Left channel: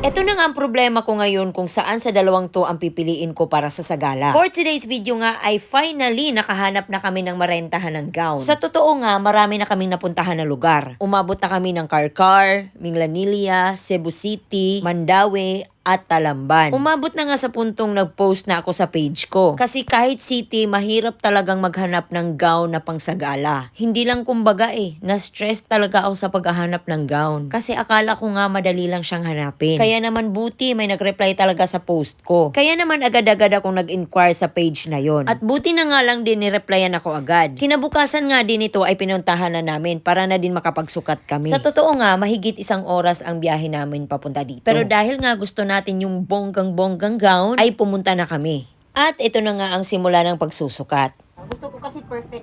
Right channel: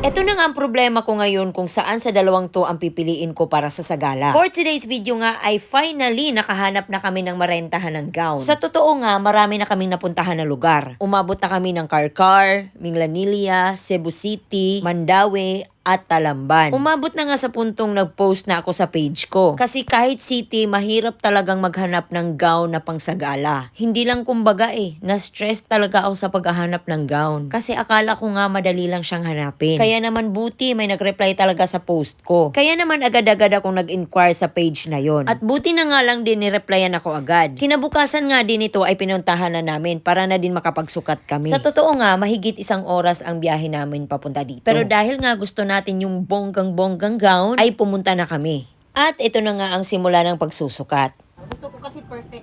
Ito na nga ang problema ko ngayon kung saan sa dalawang to ang pipiliin ko para sa sagala. For today's video nga ay finally nakahanap na kami ng marentahan ng gown. Sa totoo nga, marami na kaming napuntahan na lugar. Umabot na kami ng Karkar, Minglanilla, Cebu City, Mandaue, at Talamban. Umabot na nga sa puntong nag-post na ako sa page ko. Kasi kahit city, mahirap talagang maghanap ng gown na pangsagala. Hindi lang kumbaga na-stress talaga ako sa paghahanap ng gown. Kasi akala ko nga madali lang siyang hanapin. Kaya naman buti may nag-reply talaga sa post ko. Kaya naman agad-agad akong nag-inquire sa page na yon. At buti na nga lang din ni-replyan ako agad. Kinabukasan nga din ito ay pinuntahan na namin para na din makapagsukat kami. Sa totoo nga, mahigit 1 oras ang biyahe namin papunta dito. Pero dahil nga gusto natin yung bonggang-bonggang gown, ay pumunta na kami. At ito na nga ang simula ng pagsusukat. Gusto ko kasi perfect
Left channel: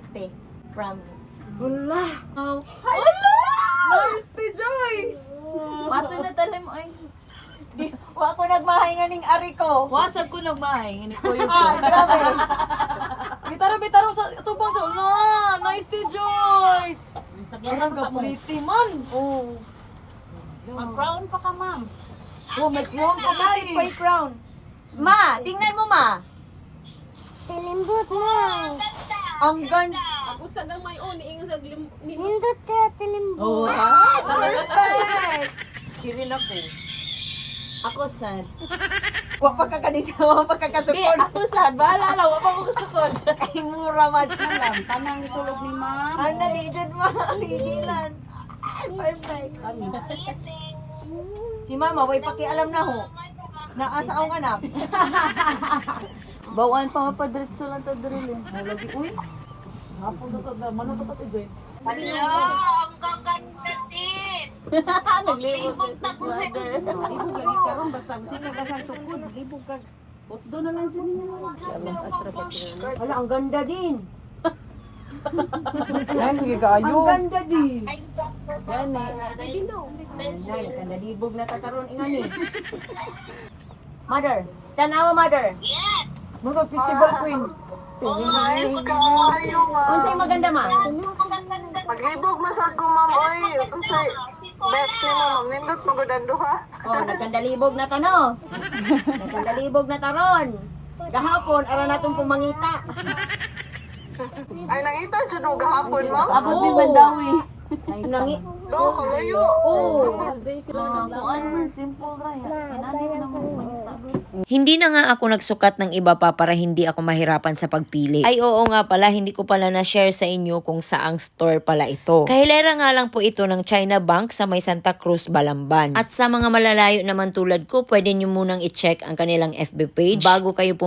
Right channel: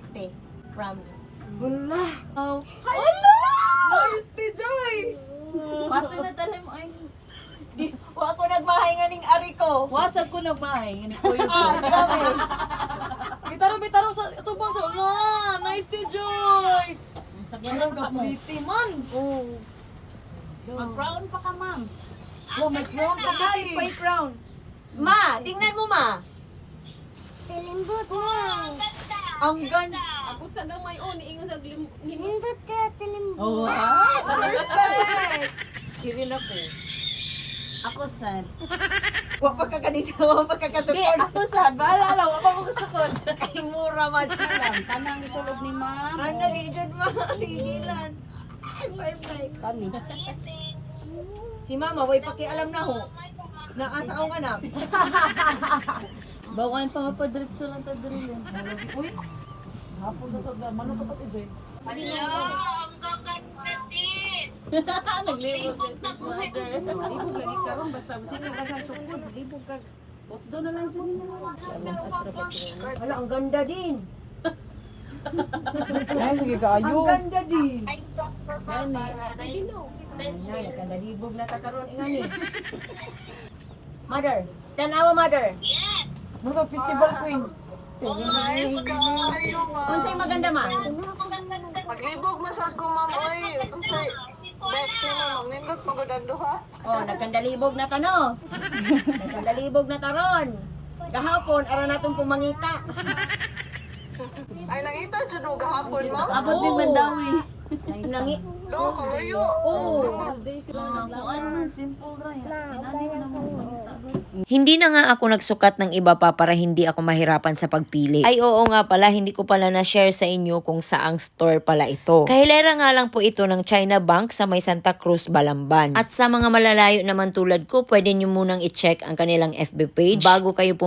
Promise. Wala. Oh. Wala! Nice to Joy! Masa na talim ay. Di, wa ako nagmahay nga ning ari ko. Wasag ko nagmahay. Hindi ko yung Grabe. Bitaro sa tubang sa nice to Joy. Ang kapuliti man. Oh. Mag-crown pa ka, ma'am. Oh, may crown pa Kasi kasi. may crown. Ma, tingnan mo ma. Tilimbot na. Ang ganda. Ako sa gamay on, ingon sa nimot. Nindot ka, tilimbot. Oh, ha? Perfect. Sirin ako. Ako sad. Wa pa ka kanisa mo Hindi, pagkakasukod. ako sad. Bahala lang. Wapa mo kasakot. Ay mura man lang. Tanang itulog ni ma'am. Ano ni dyan mo? Higilan. Ay, perfect. Si mama, way pakialam na ho. Naasa akong anak. Bawan pa mapadritso lang ta drill. Lagi uy. Hapo na to, mano pa to Joy. Hello, ang gaganda din. Naglibot ka si mother. Libog lagi karon basta gusto ka daghang sukod, libog ka. Bukdo na lang dyan niya. Wala, ang ganda din. Ay, sige kayo. Ang ganda din. Yan eh. Ay, ganda libog na takaroon ingani. Mother, tanawa mother. Mura festival queen. Unsay maganda ma? Maglibog masag ko ma'am oy unsay bet ni ma'am nindot magudan duha. Oh, nagkandalibog na tano. Nagkandalibog na taron. Gahapon, ara natong pumangita. Ay nangita jud mo gahapon ma'am. Abot din Mandawi. Nangi. Do kalayo. Oh. Kung ano man, simple ra yan. Inani mo naman yung pangita. Hindi na nga ako nagsukat ng iba pa para hindi ako mahirapan sa pagpili. Ay oo nga pala, hindi ko pala na-share sa inyo kung saang store pala ito. Kahilera nga lang po ito ng China Bank sa may Santa Cruz, Balamban. At sa mga malalayo naman tulad ko, pwede nyo munang i-check ang kanilang FB page bago kayo